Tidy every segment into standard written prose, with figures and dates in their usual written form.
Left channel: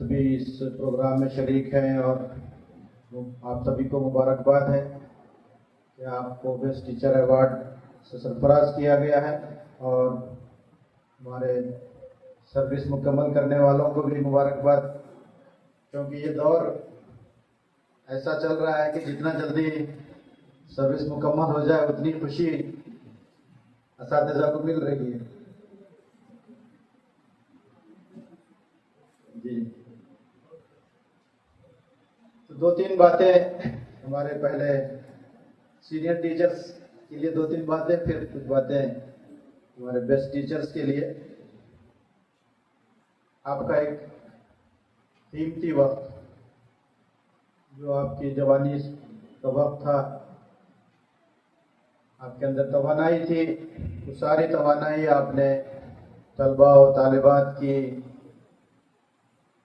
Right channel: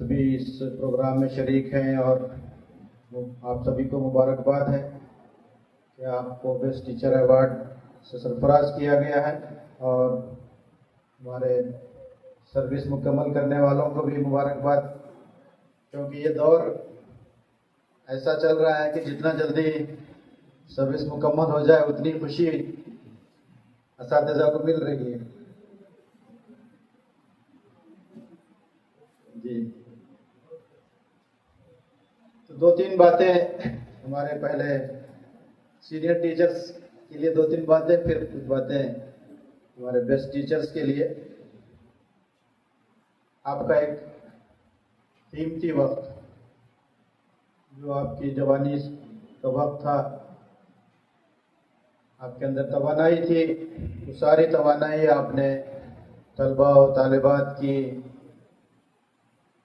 सभी इस प्रोग्राम में शरीक हैं और आप सभी को मुबारकबाद है कि आपको बेस्ट टीचर अवार्ड से सरफराज किया गया है और हमारे सर्विस मुकम्मल करने वालों को भी मुबारकबाद, क्योंकि ये दौर ऐसा चल रहा है कि जितना जल्दी सर्विस मुकम्मल हो जाए उतनी खुशी असातिज़ा को मिल रही है। जी, तो दो तीन बातें हमारे पहले सीनियर टीचर्स के लिए, दो तीन बातें, फिर कुछ बातें हमारे बेस्ट टीचर्स के लिए। आपका एक कीमती वक्त जो आपकी जवानी का वक्त था, आपके अंदर तवानाई थी, तो सारी तवानाई आपने तलबा और तालिबात की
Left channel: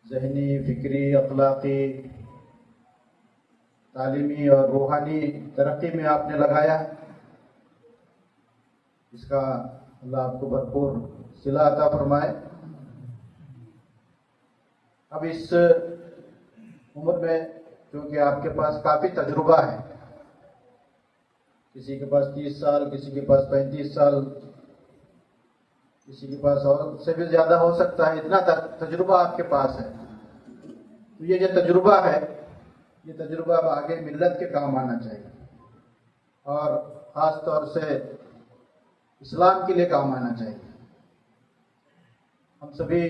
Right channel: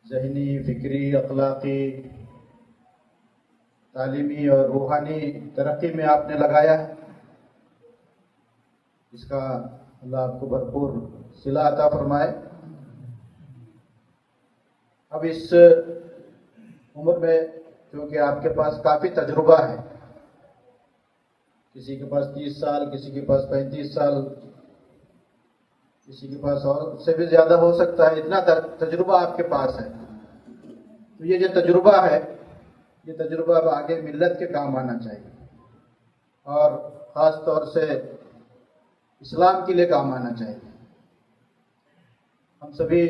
ज़हनी, फिक्री, अखलाकी, तालीमी और रूहानी तरक्की में आपने लगाया। इसका अल्लाह आपको भरपूर सिला अता फरमाए। अब इस उम्र में क्योंकि आपके पास काफ़ी तजुर्बा है, किसी के पास 30 साल, किसी के पास 35 साल, किसी के पास और उससे भी ज़्यादा हो सकता है, इतना तजुर्बा आपके पास है। तो ये जो तजुर्बा है, ये तजुर्बा अब आगे मिल्लत के काम आना चाहिए और ख़ास तौर से इस्लाम के लिए काम आना चाहिए। हम सभी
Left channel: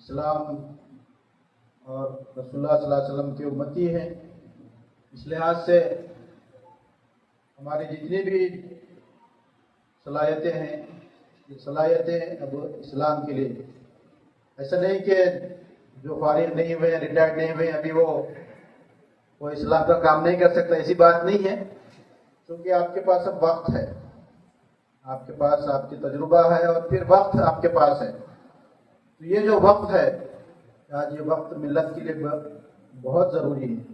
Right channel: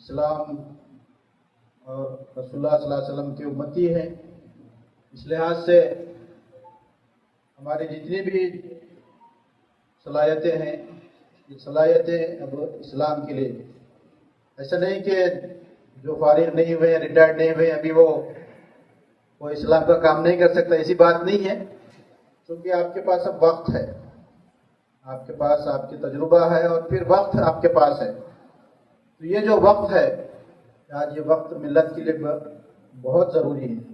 इस्लाम और रसूलुल्लाह सल्लल्लाहु अलैहि वसल्लम की उम्मती हैं। इस लिहाज से हमारी जितनी भी सलाहियतें हैं, ये सलाहियतें अब इस्लाम के लिए, ऐसा नहीं कि जो फारिग नहीं हुए, रिटायर्ड नहीं हुए, अभी वो इस्लाम का काम नहीं कर सकता, ऐसी बात नहीं है। क्योंकि आपके पास अब वक्त है, आपके पास आपकी तजुर्बा है और फिर वक्त आपके पास है। तो ये जो वक्त है, आज ये वक्त मिल्लत के लिए बहुत ज़रूरी है।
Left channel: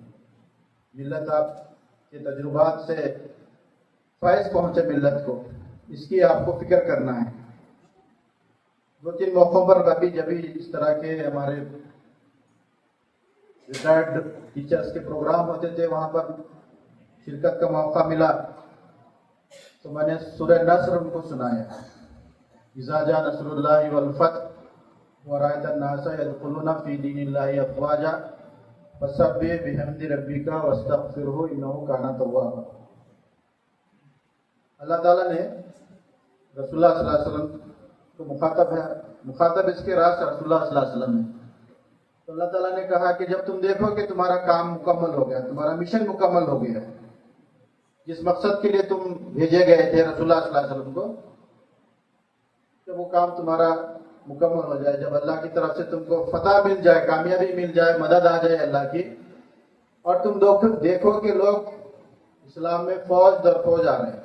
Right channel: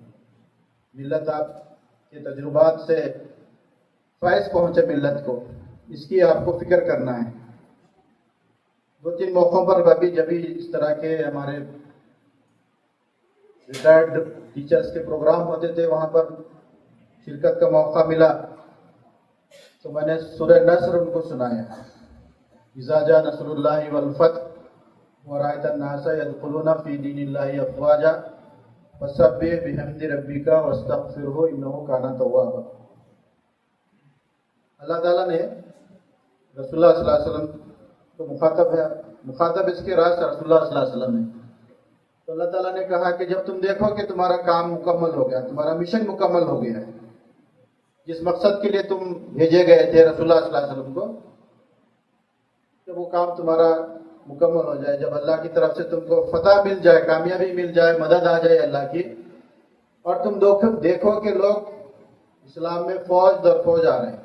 मिल्लत आपके तजुर्बात से फैज़ पहुँचे मिल्लत को, इसकी आपको फिक्र करना है। दो तीन मौक़ों पर अभी जब भी इस तरह के हमारे रिटायर्ड टीचर्स के प्रोग्राम होते थे, वहाँ पर शिरकत का मौका मिला तो मैंने सूरह नस्र उनको सुनाया। इज़ा जा नस्रुल्लाहि वल फतह व रअयतन नासा यदखुलूना फी दीनिल्लाहि अफ़वाजा फसब्बिह बिहम्दि रब्बिका वस्तग़फिरहु इन्नहु काना तव्वाबा। अल्लाह ताला ने रसूलुल्लाह सल्लल्लाहु अलैहि वसल्लम तो मुखातब इसके रास रसूलुल्लाह सल्लल्लाहु अलैहि वसल्लम है। तो अल्लाह ताला ने कहा कि जब तुम देखो कि तुम्हारा काम मुकम्मल हो गया, तुम्हारा मिशन मुकम्मल हो गया, जिस मकसद के लिए तुम भेजे गए थे रसूलुल्लाह सल्लल्लाहु अलैहि वसल्लम को, जब वो काम तुम्हारा मुकम्मल हो जाए, जब अल्लाह की तरफ से तुमको फतह मिल जाए, कामयाबी मिल जाए, मदद आ जाए अल्लाह की, और तुम देखो कि लोग इस्लाम में फौज दर फौज आ रहे हैं।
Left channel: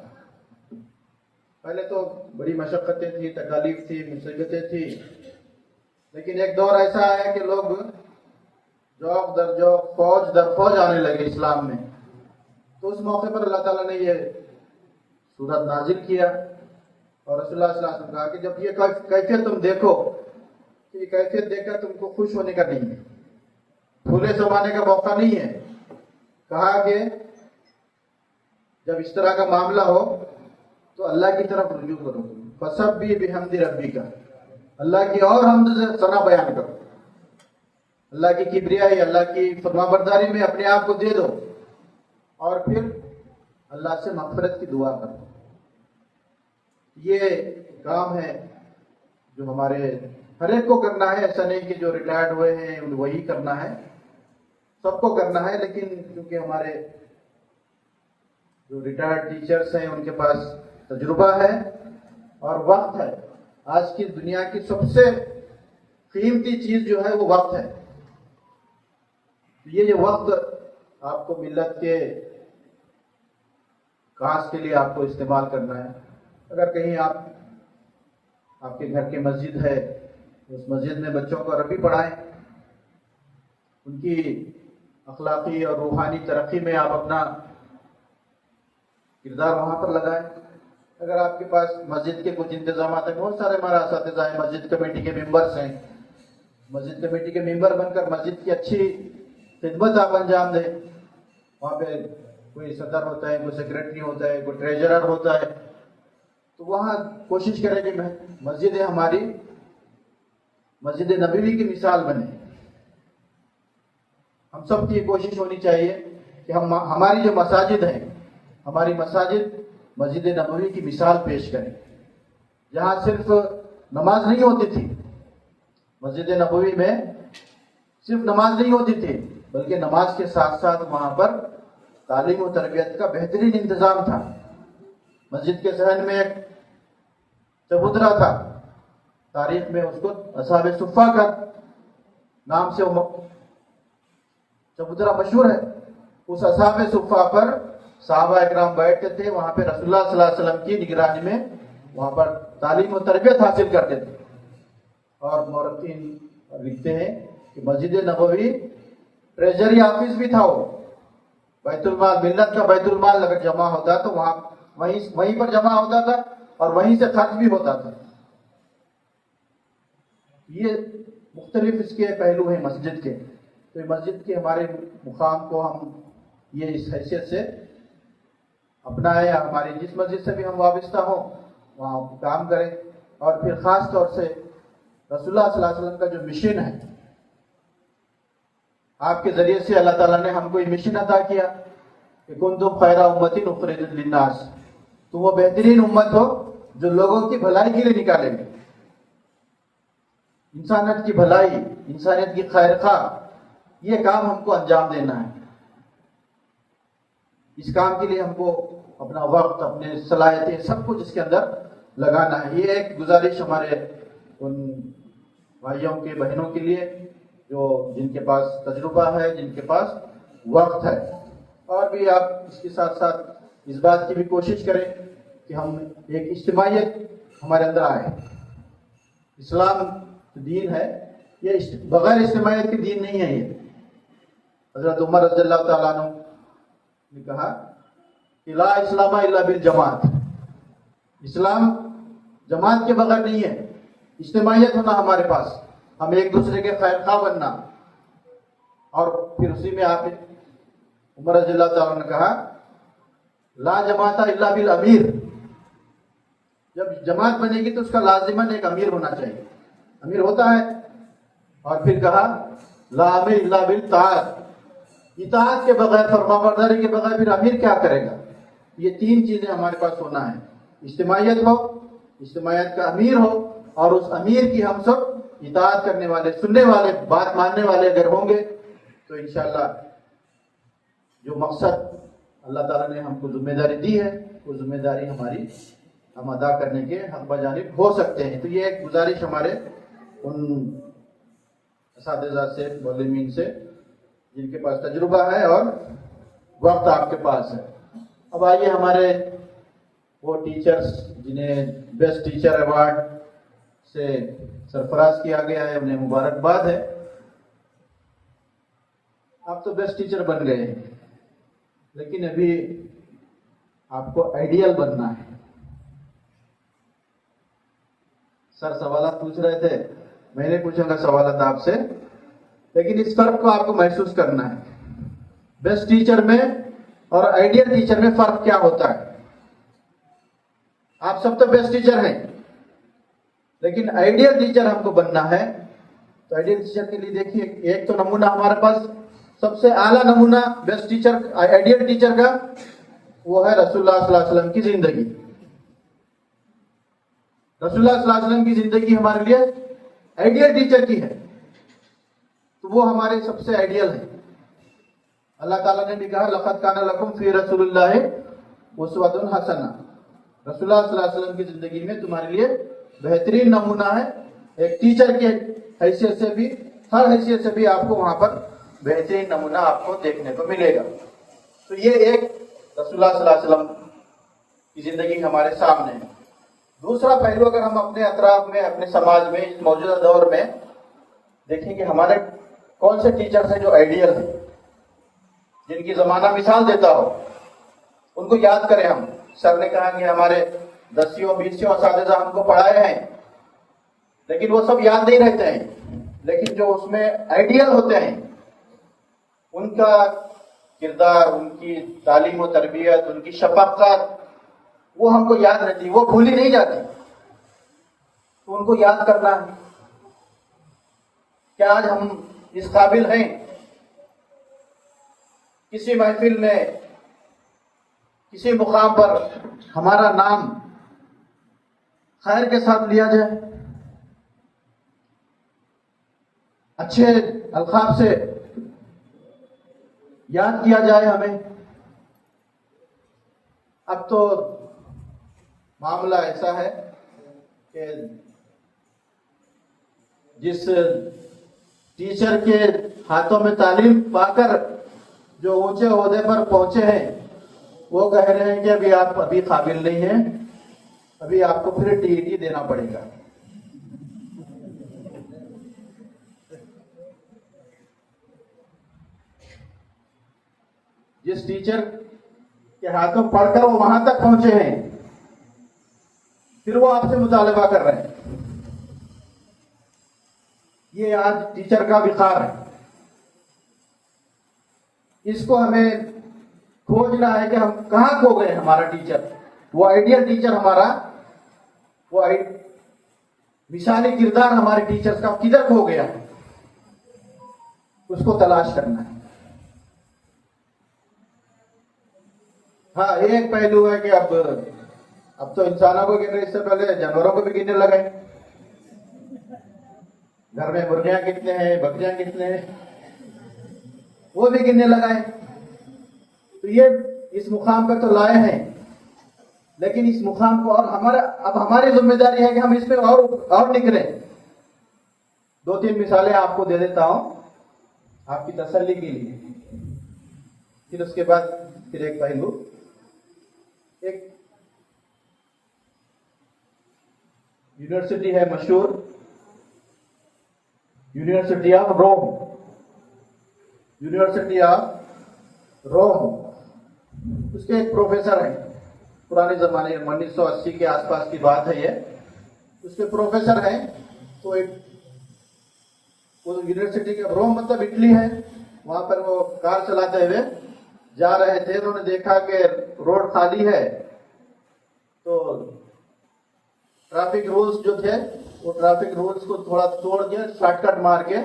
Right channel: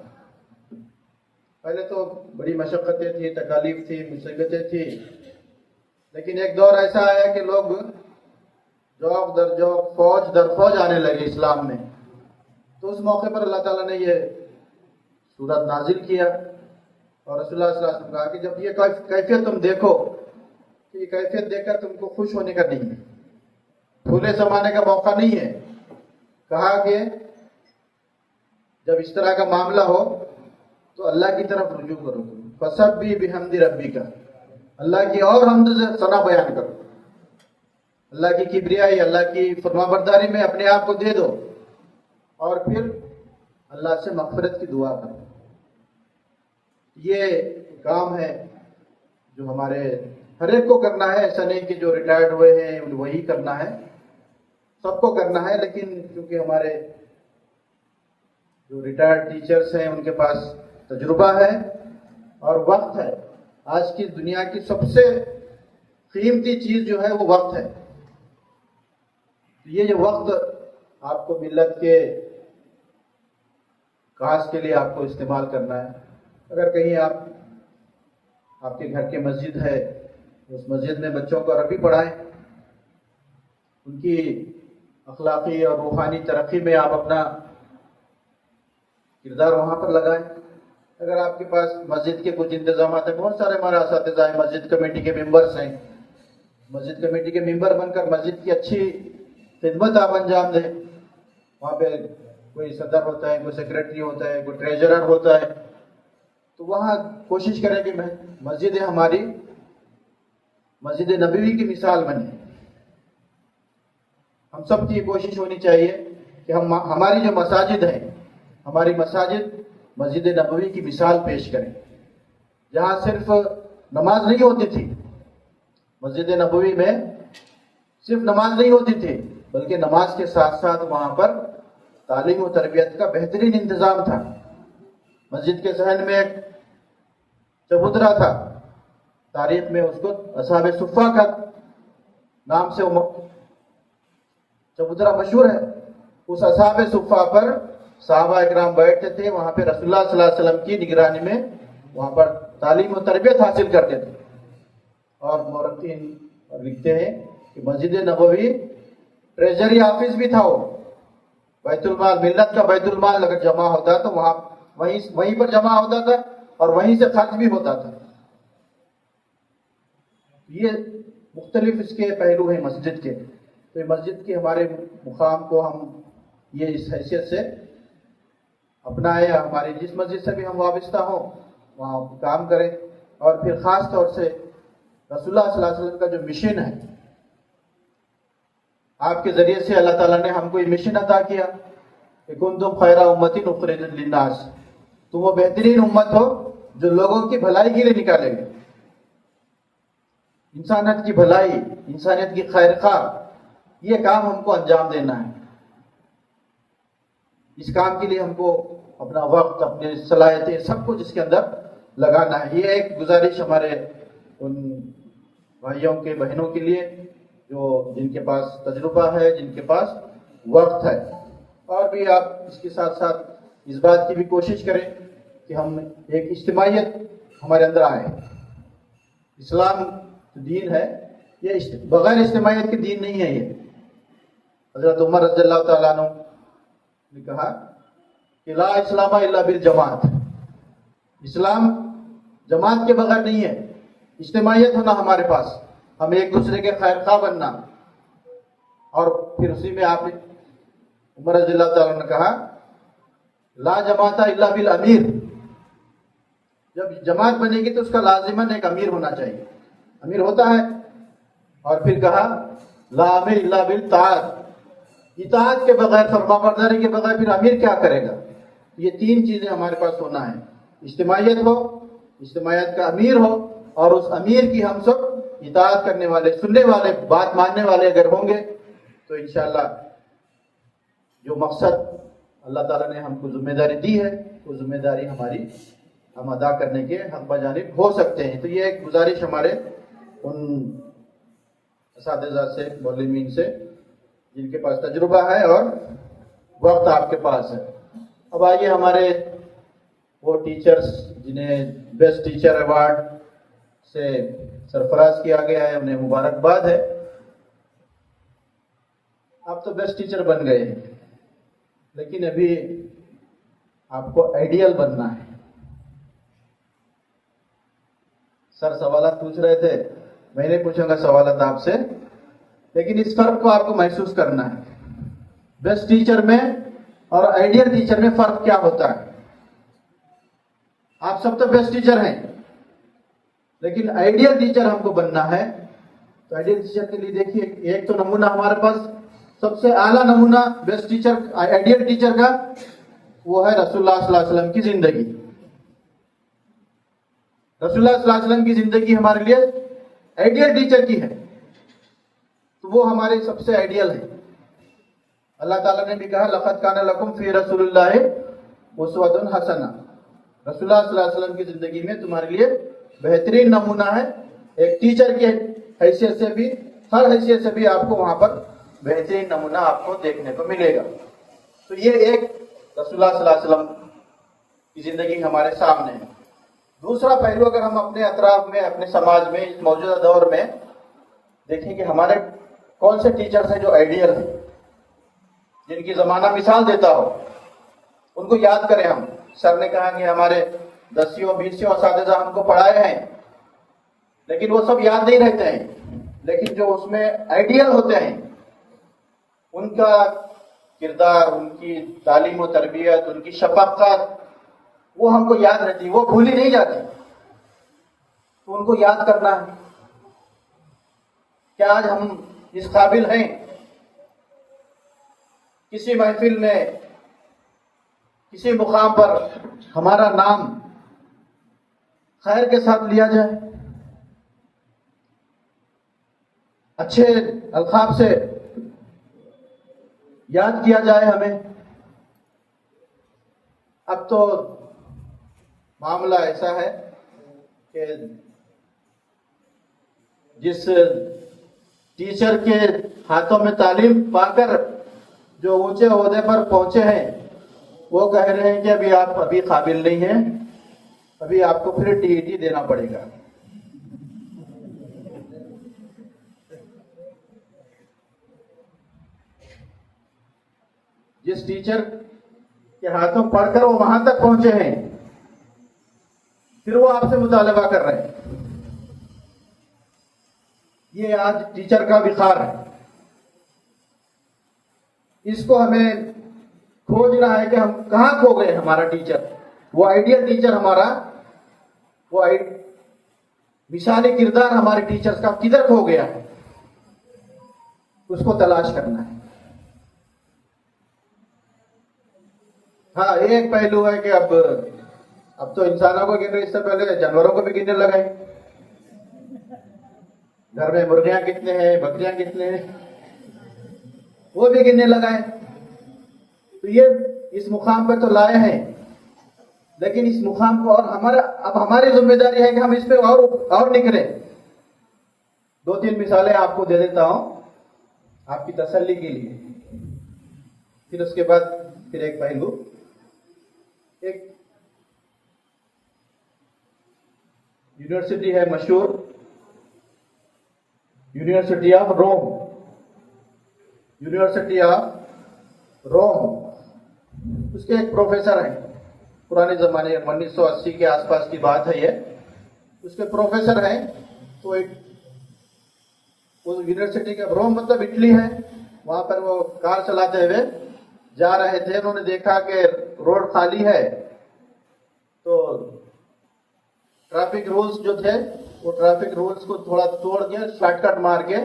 पहले तो बड़ी मशक्क़तें थी, तकालीफ थी, मुसीबतें थी, लेकिन एक दौर ऐसा आया कि लोग जौक दर जौक, फौज दर फौज आने लगे इस्लाम में। तो उस मौके पर अल्लाह ताला ने ये सूरत नाजिल किया और रसूलुल्लाह सल्लल्लाहु अलैहि वसल्लम कहा कि जब ये कैफियत तुम देखो, तो ये कैफियत देखकर तुमको खुश होने का नहीं है, फूले समाने का मौका नहीं है। कहा कि जब इस तरह का मामला हो तो अल्लाह की तरफ रुजू करो, फसब्बिह बिहम्दि रब्बिका, अल्लाह की और हमद से सना बयान करो, अल्लाह की किबरियाई, अल्लाह की फरमाबरदारी में अपने आप को दे दो और फिर अल्लाह से मग़फ़िरत की दुआ करो। ये काम है जो हमारे हर एक को करना है। ऐसा नहीं कि जो रिटायर्ड हुए हैं वही करना है, सबको करना है। लेकिन क्योंकि हमारे जो रिटायर्ड टीचर्स हैं उनके पास तजुर्बा है और वक्त है। आज की दुनिया की सबसे कीमती चीज जो है वो वक्त है। ये जो वक्त आपको मिल्लत के काज के लिए आपको इस्तेमाल करना है। अगर कहीं आपके घर की मस्जिद है, उस मस्जिद में बच्चों को अरबी पढ़ाएं, उनकी अखलाकी और रूहानी तरक्की में आप अपना किरदार वहाँ पर लगाएं। अगर आपके पास मस्जिद के कुछ इंतजाम है, बहुत सारे हमारे असातिज़ा हैं, मस्जिद कमेटी के मेंबर्स हैं, मस्जिद कमेटी के मेंबर बनकर मस्जिद की अच्छी खिदमत आप अंजाम दें। वहाँ पे कोई सदर होता है, कोई सेक्रेटरी होता है, कोई ट्रेजरर होता है, तो वहाँ कोशिश करें कि मस्जिद हमारी मस्जिद नबवी की मिसाल बने। हम सब की कोशिश होनी चाहिए कि हमारी जो मसाजिद है, हमारी मसाजिद मस्जिद नबवी की मिसाल पेश करें, जहाँ सिर्फ नमाज नहीं होती थी। मस्जिद नबवी में सिर्फ नमाज नहीं होती थी, बल्कि नमाज के साथ साथ वहाँ पर तालीम और तरबियत का बेहतरीन इंतजाम था। मस्जिद के सहन में एक चबूतरा था, तारीख में उसको असहाब सुफ़ा का नाम से चबूतरा मशहूर है। उस असहाब सुफ़ा पर सहाबा इकराम बैठते थे, वहां पे रसूलुल्लाह सल्लल्लाहु अलैहि वसल्लम की निगरानी में वहां पर तालीम और तरबियत हासिल करते थे। और मौरखीन लिखते हैं कि मस्जिद नबवी ट्रेजरी ऑफिस भी था, वो बैतुल माल, मिल्लत का बैतुल माल अगर जमा होता तो वहीं पर जमा होता था और वहीं से खर्च भी होता था। ये मुख्तलिफ इसके पहलू हैं मस्जिद के। तो मस्जिद के हमारे मुकाम को हम ये इस हैसियत से अपनाए, हमारी जिस मस्जिद से भी हम वाबस्ता हो वहाँ काम करें। और फिर ख़ास तौर से रसूलुल्लाह सल्लल्लाहु अलैहि वसल्लम का जो मिशन है, आपके ज़रिए से अल्लाह ताला ने हमको ये मिशन अता किया कि कुंतुम खैरा उम्मतिन उखरिजत लिन्नास, तुम वो बेहतरीन उम्मत हो जो लोगों की भलाई के लिए निकालेंगे। इंसानियत की भलाई, इंसानियत की खैरखा, ये काम हमको अंजाम देना है। इस काम के लिए हमको अपना वक्त, अपने सलाहियतें, सब कुछ इसके अंदर लगाना है। ये एक गुजारिश हमारे उन भाइयों के, बहनों के लिए जो जिनके पास तजुर्बा है, जिनके पास वक्त है। और भी आप इसके साथ साथ इस बात की भी कोशिश करें कि हम एक इज्तिमाइयत हमारे अंदर आए। इस्लाम दीन है, ये बगैर इज्तिमाइयत के दीन नहीं है। ये हज़रत उमर रज़ियल्लाहु ताला अन्हु ने कहा कि ला इस्लामा इल्ला बिल जमात, इस्लाम जमात के बगैर नहीं है। इज्तिमाइयत होना हमारे पास, हम एक दूसरे के खैरखा बनना। और फिर उसी में आप उमर रज़ियल्लाहु ताला ने कहा ला जमाता इल्ला बिल अमीर, जब जमात बनेगी तो उसका लाजिमन एक अमीर होना चाहिए, अमीर होता है। और फिर कहा ला अमीर इल्ला बिल ताअत, इताअत के बगैर, फरमाबरदारी के बगैर फिर अमीर क्या करेगा। ये तीन चीजें हमारे पास होना है, इज्तिमाइयत हो, इज्तिमाइयत का अमीर हो, और उस अमीर की हम सब इताअत करने वाले, सुनने वाले, बात मानने वाले अगर होंगे तो इंशाअल्लाह जो मकसद अल्लाह ताला ने हमको जिम्मेदारी दी है, वो जिम्मेदारी हमारी हम अदा करने के हक बजानिब हो सकते हैं। तो ये एक गुजारिश हमारे उन असातिज़ा से, मुअल्लिमीन से, जिनके पास तजुर्बा है और वक्त आपके पास है। अब आइए हमारे वो टीचर्स जिन्हें बेस्ट टीचर अवार्ड से सरफराज किया गया है, उन्हें मुबारकबाद है। आप तो बेस्ट टीचर बन गए हैं, लेकिन अभी आपको आइडियल बनना है। सर सवाल पूछ रहे थे, मैं नहीं पूछूंगा सवाल आपसे, लेकिन इस फर्क को आपको महसूस करना है। बेस्ट टीचर में और आइडियल टीचर में फर्क क्या होता है। आप सब तो बेस्ट टीचर हैं, लेकिन आइडियल टीचर हमको बनना है। तो आइडियल टीचर के लिए देखिए, एक तो नमूना हमारे पास, सबसे आला नमूना बेस्ट टीचर, आइडियल टीचर का, वो है रसूलुल्लाह सल्लल्लाहु अलैहि वसल्लम की जिंदगी। रसूलुल्लाह सल्लल्लाहु अलैहि वसल्लम की जिंदगी हमारे लिए आइडियल टीचर की है, तो वो हमारे सबसे आइडियल है। अल्लाह ताला ने भी कहा लक़द काना लकुम फी रसूलिल्लाहि उस्वतुन हसना, रसूलुल्लाह सल्लल्लाहु अलैहि वसल्लम की जिंदगी में तुम्हारे लिए बेहतरीन नमूना है। एक टीचर की हैसियत से भी, हर हैसियत से भी आपको वहां पर बेहतरीन नमूना आपको देखने को मिलेगा। तो ये एक रसूलुल्लाह सल्लल्लाहु अलैहि वसल्लम की जिंदगी हमारे सामने है। दूसरा पहलू अगर हम अपने अतराफ में, अपने समाज में, इस मौजूदा दौर में देखें कि हमारे कौन से टीचर्स हैं जो आइडियल है, जिनकी जमाना मिसाल देता हो, उनको याद करें हम। सर ने कहा कि हमारे 10 20 असातिज़ा हमको पढ़ाए हैं, लेकिन वो सब याद नहीं रहते हैं। लेकिन जो उसमें आइडियल होते हैं, उनका किरदार, उनकी तालीम और तरबियत, उनकी शफ़क़त, वो हमको याद रहती, वो भूली नहीं जाती। तो उनको याद करना है। क्या आज हम इस काबिल हैं किसी महफिल में, किसी मुकाम पर हमारा नाम खैर के साथ लिया जाए, अच्छे अल्काब से याद किया जाए हमें? अब तो मामला ऐसा है कि जिस टीचर के हाथों में तालीम पाकर जो ऊंचे ओहदे पर पहुंचे हैं, वो कह रहे हैं कि अभी आप अभी काबिल नहीं हैं, अभी आपको फिर टीईटी देना पड़ेगा। जिस टीचर के हाथों पढ़कर वो वहां तक पहुंचे हैं, फिर वो आपसे मुतालबा कर रहे हैं। ये आज टीचर का विकार है। इसको हमें खोजना है कि हम कहां खो गए। हमारा टीचर, वो आइडियल टीचर हमारा, वो मिसाली किरदार हमारे टीचर्स का किधर खो गया है, उसको तलाश करना है। हाँ, एक पहलू है कि अब तो इंसानों को गिन रहे, इससे पहले जानवरों को भी गिनने लगे। घर में मुर्गियां कितने हैं, बकरियां कितने हैं, वो भी गिनने लगा है। तो ये इस मुकाम पर तो लाए हैं, लेकिन इस मुकाम को और हमारी जिम्मेदारी है कि हम इस पे और निकले। 2-3 मिसालें आपको दे देता हूं आपकी तसल्ली के लिए, फिर उसके बाद फिर एक पहलू। एक यूनिवर्सिटी है मशहूर, university of Rome, university of Rome. उसके एक प्रोफेसर हैं, पुराने जमाने 1980 के आसपास की बात है ये। उसके प्रोफेसर हैं, तो एक वो यूनिवर्सिटी के, रोम मतलब इटली है, वहां पर वो कार चलाते हुए जा रहे थे। उन्होंने देखा कि रोड खाली है, तो ट्रैफिक रूल्स जो थे, वो ट्रैफिक रूल्स को थोड़ा तोड़ के, शॉर्टकट मार के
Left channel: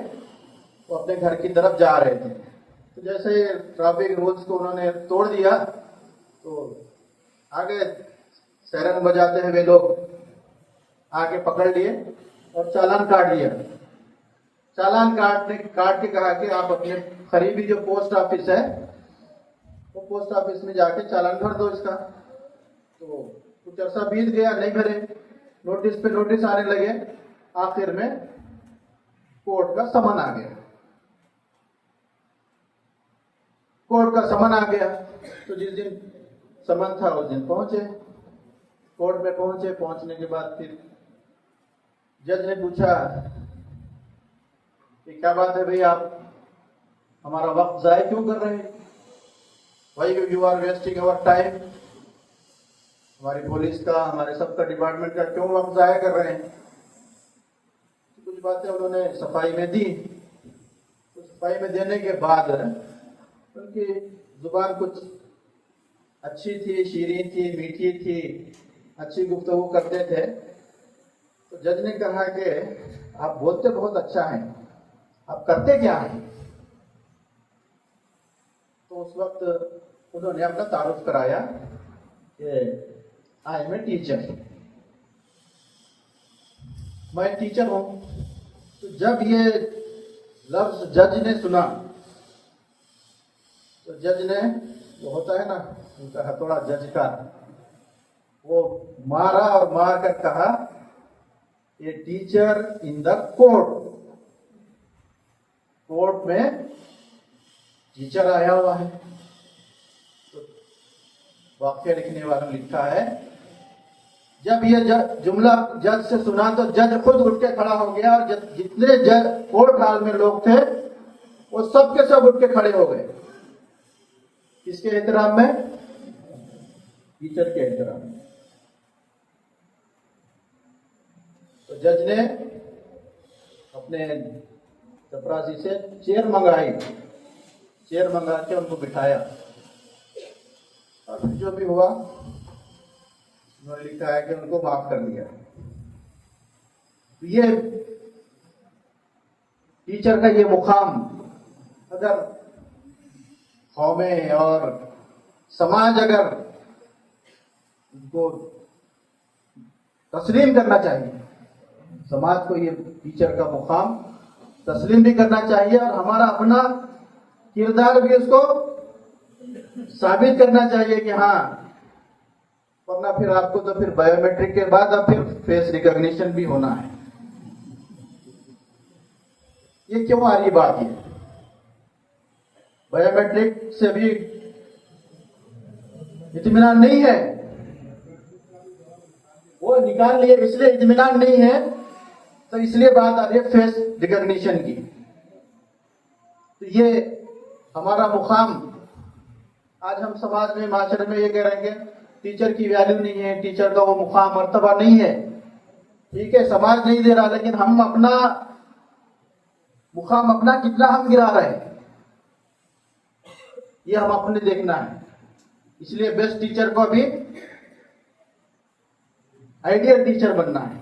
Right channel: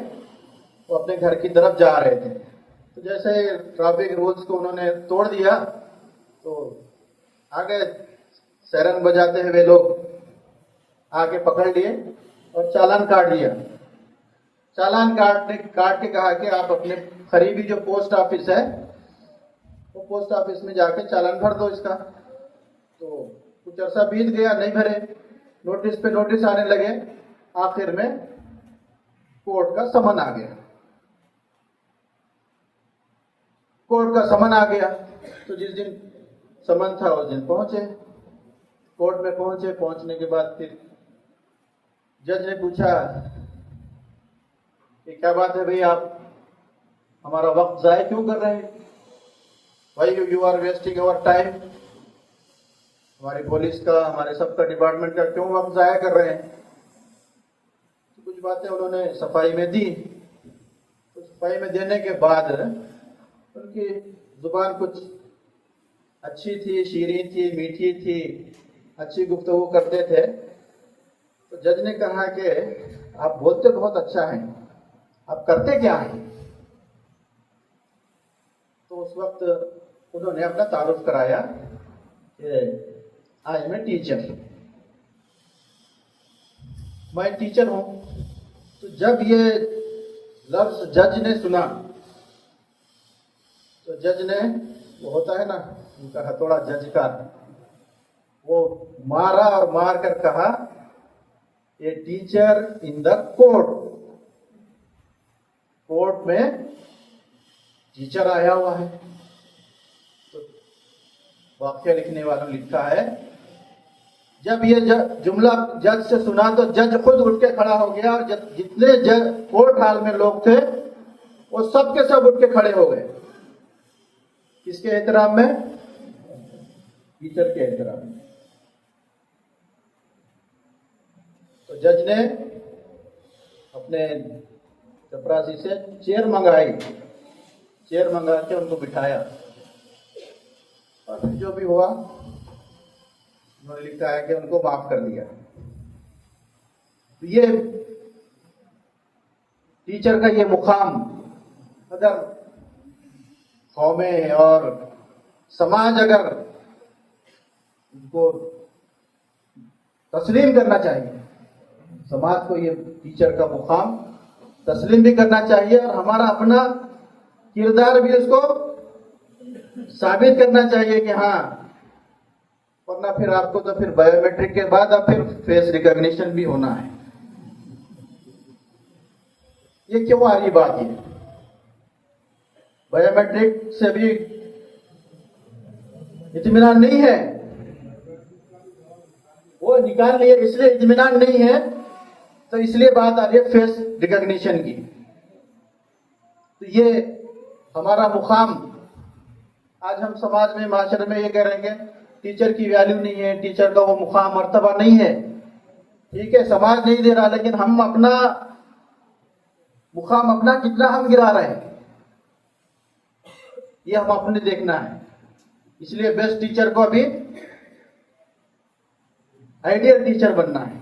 वो अपने घर की तरफ जा रहे थे। तो जैसे ट्रैफिक रूल्स को उन्होंने तोड़ दिया, तो आगे सायरन बजाते हुए लोग आके पकड़ लिए और चालान काट दिया। चालान काट के कहा कि आप अपने करीबी जो पोस्ट ऑफिस है, वो पोस्ट ऑफिस में जाके चालान भर दो इसका। तो कुछ अर्सा बीत गया, नहीं भरे, नोटिस पे नोटिस आने लगे। आखिर में कोर्ट का समन आ गया। कोर्ट का समन आ गया, तो जिस दिन समन था उस दिन पहुंचे, कोर्ट में पहुंचे। पहुंचने के बाद फिर जज ने पूछा कि क्या बात है भाई, आप हमारा वक्त जाया क्यों कर रहे हैं? Why you are wasting our time? हमारी पुलिस का, हमारे सबका डिपार्टमेंट का क्यों वक्त जाया कर रहे हैं? तो कुछ बातें उन्होंने सफाई में दी। तो सफाई में देने के बाद उनकी जुबान कुछ अच्छी थी, शीरीं थी, मीठी थी, अच्छी गुफ्तगू करते थे। तो जज ने कहा कि आप बोलते बहुत अच्छा हैं, आप करते क्या हैं? तो उस वक्त उन्होंने अपना तारुफ कराया कि आई एम ए टीचर, मैं टीचर हूं। तो जब ये लफ्ज जज ने सुना, तो जज ने, वो होता है ना उनका हथौड़ा जज का, वो मारा और मार कर कहा, a teacher in the court, court में टीचर आया हुआ है। तो वाक्य लिखने वालों ने लिखा है, जब ये जुमला जज से सुना तो जज खुद उठ के खड़ा हो गया, और जितने जज कोर्ट हाल में लोग थे वो सब के सब उठ के खड़े हो गए। किसके एहतराम में? टीचर के एहतराम में। तो जज ने अपने चपरासी से चेयर मंगाई, चेयर मंगा के उनको बिठाया और जो भी हुआ उन्होंने लिखा है कि उनको माफ कर दिया। ये टीचर का ये मुकाम अगर कौमें और समाज अगर उनको तस्लीम करना चाहिए, समाज को ये टीचर का मुकाम तस्लीम भी करना चाहिए और हमारा अपना किरदार भी उसको साबित करना चाहिए कि हाँ, वरना फिर आपको तो फिर बायोमेट्रिक के बाद अब फिर फेस रिकॉग्निशन भी होना है। ये क्यों आ रही बात है? बायोमेट्रिक से भी इत्मीनान नहीं है, वो निकाल लिए इसलिए इत्मीनान नहीं है, तो इसलिए बात आ रही है फेस रिकॉग्निशन की। तो ये हमारा मुकाम आज हम समाज में माशरे में ये करेंगे टीचर की वैल्यू नहीं है, टीचर का वो मुकाम मर्तबा नहीं है। ठीक है, समाज नहीं दे रहा, लेकिन हम अपना मुकाम अपना कितना हम गिरा रहे हैं ये हम अपने देखना है। इसलिए बेस्ट टीचर को अभी आइडियल टीचर बनना है,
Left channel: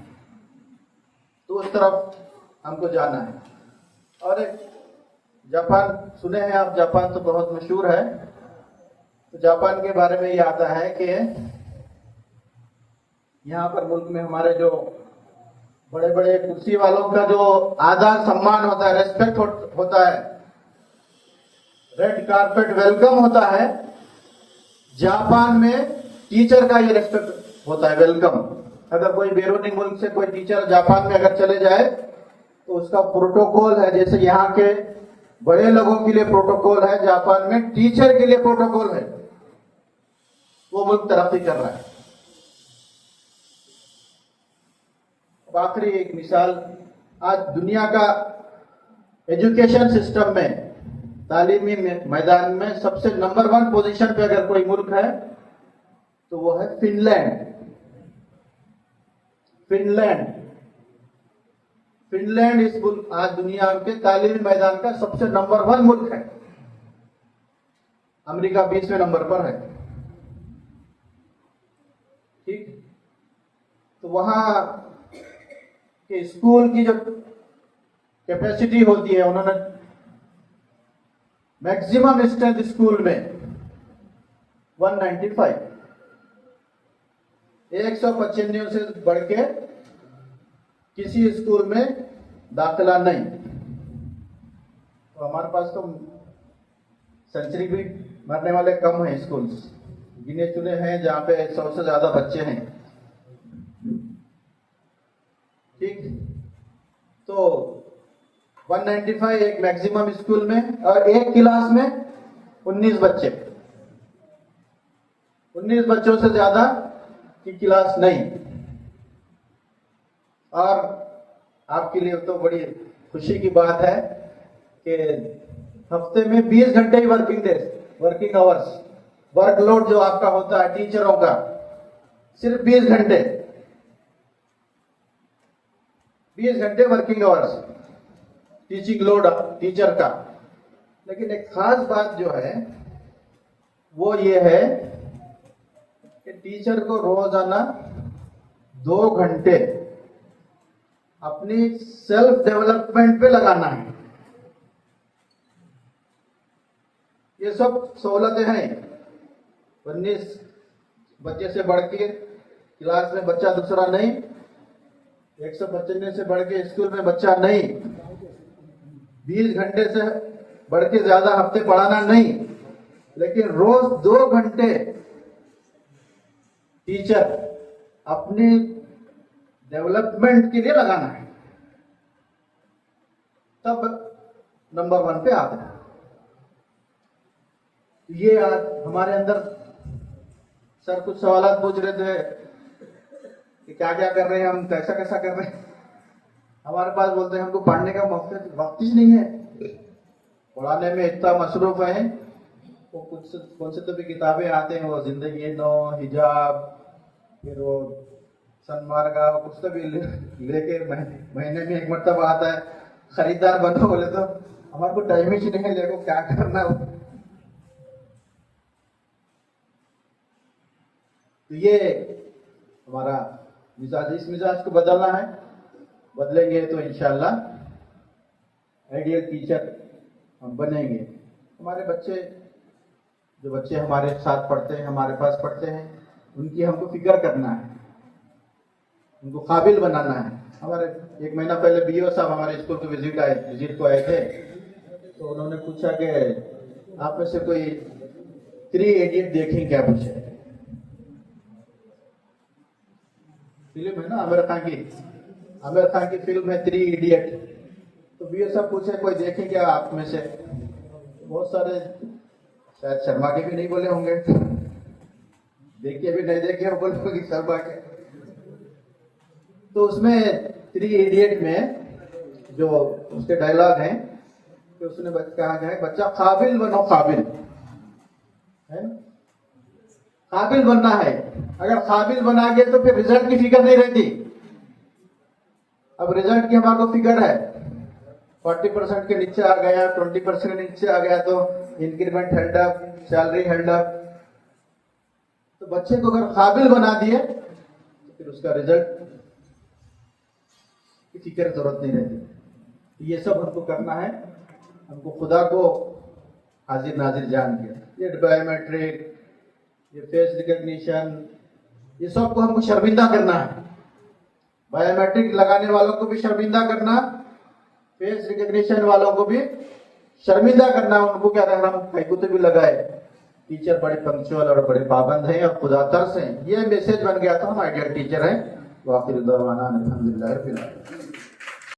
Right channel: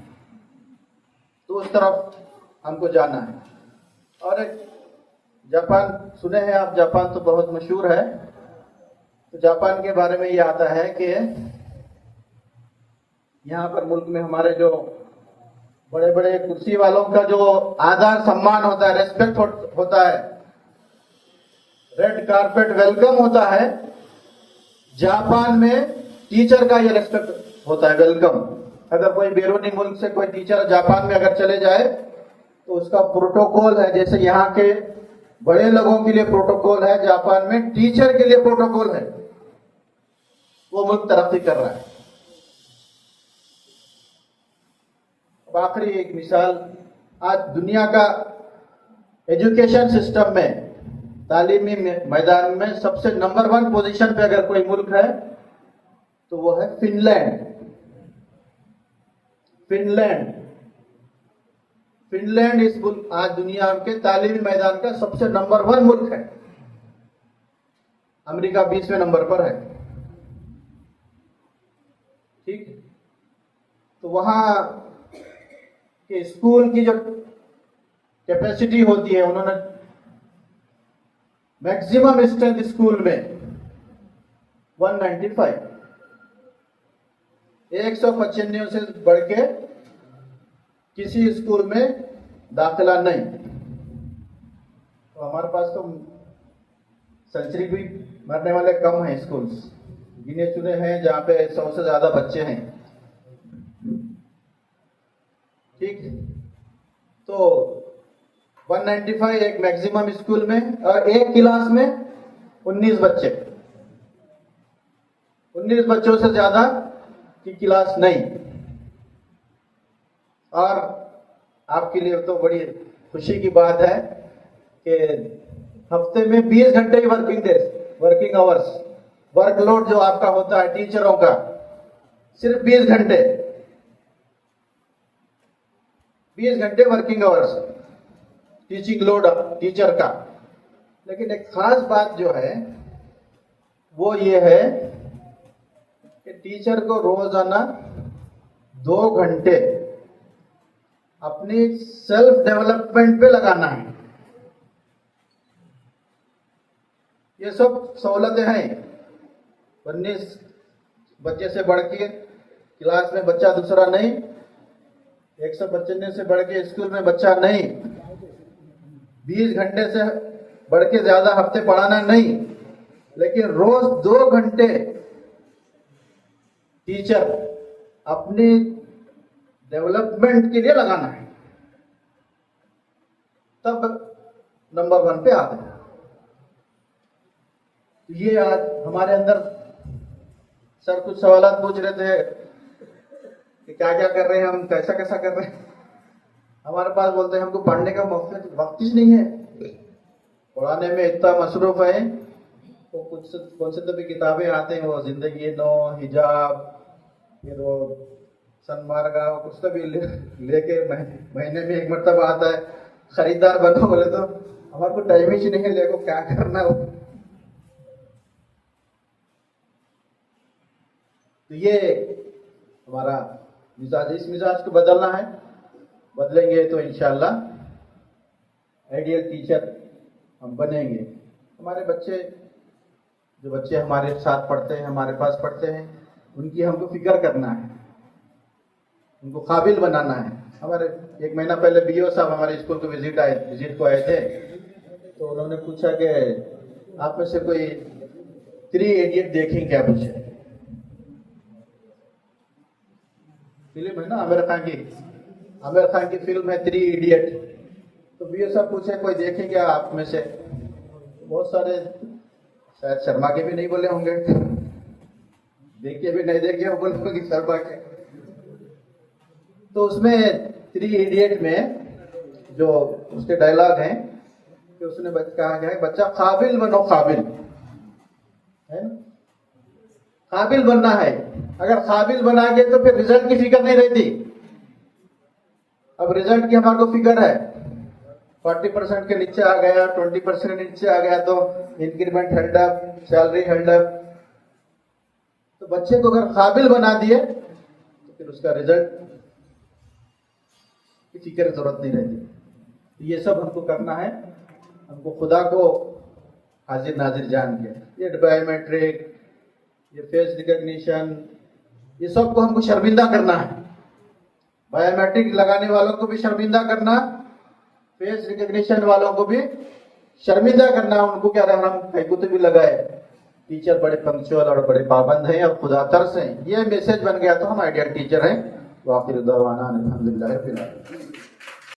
तो उस तरफ हमको जाना है। और जापान सुने हैं आप, जापान तो बहुत मशहूर है। तो जापान के बारे में ये आता है कि यहाँ पर मुल्क में हमारे जो बड़े बड़े कुर्सी वालों का जो आदर सम्मान होता है, रेस्पेक्ट होता है, रेड कारपेट वेलकम होता है, जापान में टीचर का ये रेस्पेक्ट होता है, वेलकम। अगर कोई बैरूनी मुल्क से कोई टीचर जापान में अगर चले जाए तो उसका प्रोटोकॉल है, जैसे यहाँ के बड़े लोगों के लिए प्रोटोकॉल है, जापान में टीचर के लिए प्रोटोकॉल है। वो मुल्क तरक्की कर रहा है। अब आखिरी एक मिसाल, आज दुनिया का एजुकेशन सिस्टम में, तालीमी मैदान में सबसे नंबर 1 पोजीशन पे अगर कोई मुल्क है तो वो है फिनलैंड। फिनलैंड इस मुल्क आज दुनिया के तालीमी मैदान का सबसे नंबर 1 मुल्क है। अमेरिका 20वें नंबर पर है। ठीक, तो वहां के स्कूल की जो कैपेसिटी होती है, उन्होंने मैक्सिमम स्ट्रेंथ स्कूल में 195, 195 से बढ़ के किसी स्कूल में दाखिला नहीं। तो हमारे पास तो सेंचुरी भी मरने वाले कम हैं स्कूल्स, गिने चुने हैं जहां पे 100 से ज्यादा बच्चे हैं। ठीक, तो 195 एक मैक्सिमम स्कूल में, और एक क्लास में 19 बच्चे, 19 बच्चों से ज्यादा की क्लास नहीं। और आपके लिए तो बड़ी खुशी की बात है कि हफ्ते में 20 घंटे ही वर्किंग आवर्स, वर्कलोड जो आपका होता है टीचरों का, सिर्फ 20 घंटे, 20 घंटे working hours teaching load teacher का। लेकिन एक खास बात जो है वो ये है कि टीचर को रोजाना 2 घंटे अपनी सेल्फ डेवलपमेंट पे लगाना है। ये सब सहूलतें हैं। 19 बच्चे से बढ़ के क्लास में बच्चा दूसरा नहीं, 195 से बढ़ के स्कूल में बच्चा नहीं, 20 घंटे से बढ़ के ज्यादा हफ्ते पढ़ाना नहीं, लेकिन रोज 2 घंटे टीचर अपनी डेवलपमेंट के लिए लगाना है, तब नंबर 1 पे आते हैं। ये आज हमारे अंदर सर कुछ सवाल पूछ रहे थे कि क्या क्या कर रहे हैं हम, कैसा कैसा कर रहे हैं। हमारे पास बोलते हैं हमको पढ़ने का वक्त ही नहीं है, पढ़ाने में इतना मसरूफ है। तो कौन से तो भी किताबें आते हैं, वो जिंदगी नो, हिजाब, फिर वो सनमार का पुस्तक भी लेके महीने में एक मरतबा आता है। खरीदार बनो बोले तो हमारे को टाइम ही नहीं है, लेको क्या करना हो। तो ये हमारा मिजाज, इस मिजाज को बदलना है। बदलेंगे तो इंशाल्लाह आइडियल टीचर हम बनेंगे। हमारे बच्चे, जो बच्चे हमारे साथ पढ़ते हैं, हमारे पास पढ़ते हैं, उनकी हमको फिक्र करना है, उनको काबिल बनाना है। हमारे एक महीना पहले बीओ साहब हमारे स्कूल को विजिट को आए थे, तो उन्होंने पूछा कि आप में से कोई 3 इडियट देखें क्या? पूछे फिल्म है ना आमिर खान की फिल्म है 3 इडियट। तो बीओ साहब पूछे कोई देखें क्या आप में से? बहुत सारे, शायद शर्मा के भी नहीं बोले होंगे, देखे भी नहीं देखे बोले होंगे शर्मा के। तो उसमें 3 इडियट में जो उसके डायलॉग हैं कि उसने कहा गया है बच्चा काबिल बनो, काबिल है, काबिल बनना है। अगर काबिल बना गए तो फिर रिजल्ट की फिक्र नहीं रहती। अब रिजल्ट की हमारे को फिक्र है, 40% के नीचे आ गया, 20% के नीचे आ गया तो increment held up, salary held up. तो बच्चे को अगर काबिल बना दिए तो फिर उसका रिजल्ट की फिक्र की जरूरत नहीं रहती। तो ये सब हमको करना है, हमको खुदा को हाजिर नाजिर जान के, ये बायोमेट्रिक, ये फेस रिकॉग्निशन, ये सब को हमको शर्मिंदा करना है। बायोमेट्रिक लगाने वालों को भी शर्मिंदा करना, फेस रिकॉग्निशन वालों को भी शर्मिंदा करना। उनको क्या रहा, हम फेकुत भी लगाए, टीचर बड़े पंक्चुअल और बड़े पाबंद हैं और खुदा तरस हैं, ये मैसेज बन गया तो हम आइडियल टीचर हैं। वाखिर दवाना अल्हम्दुलिल्लाह रब्बिल आलमीन।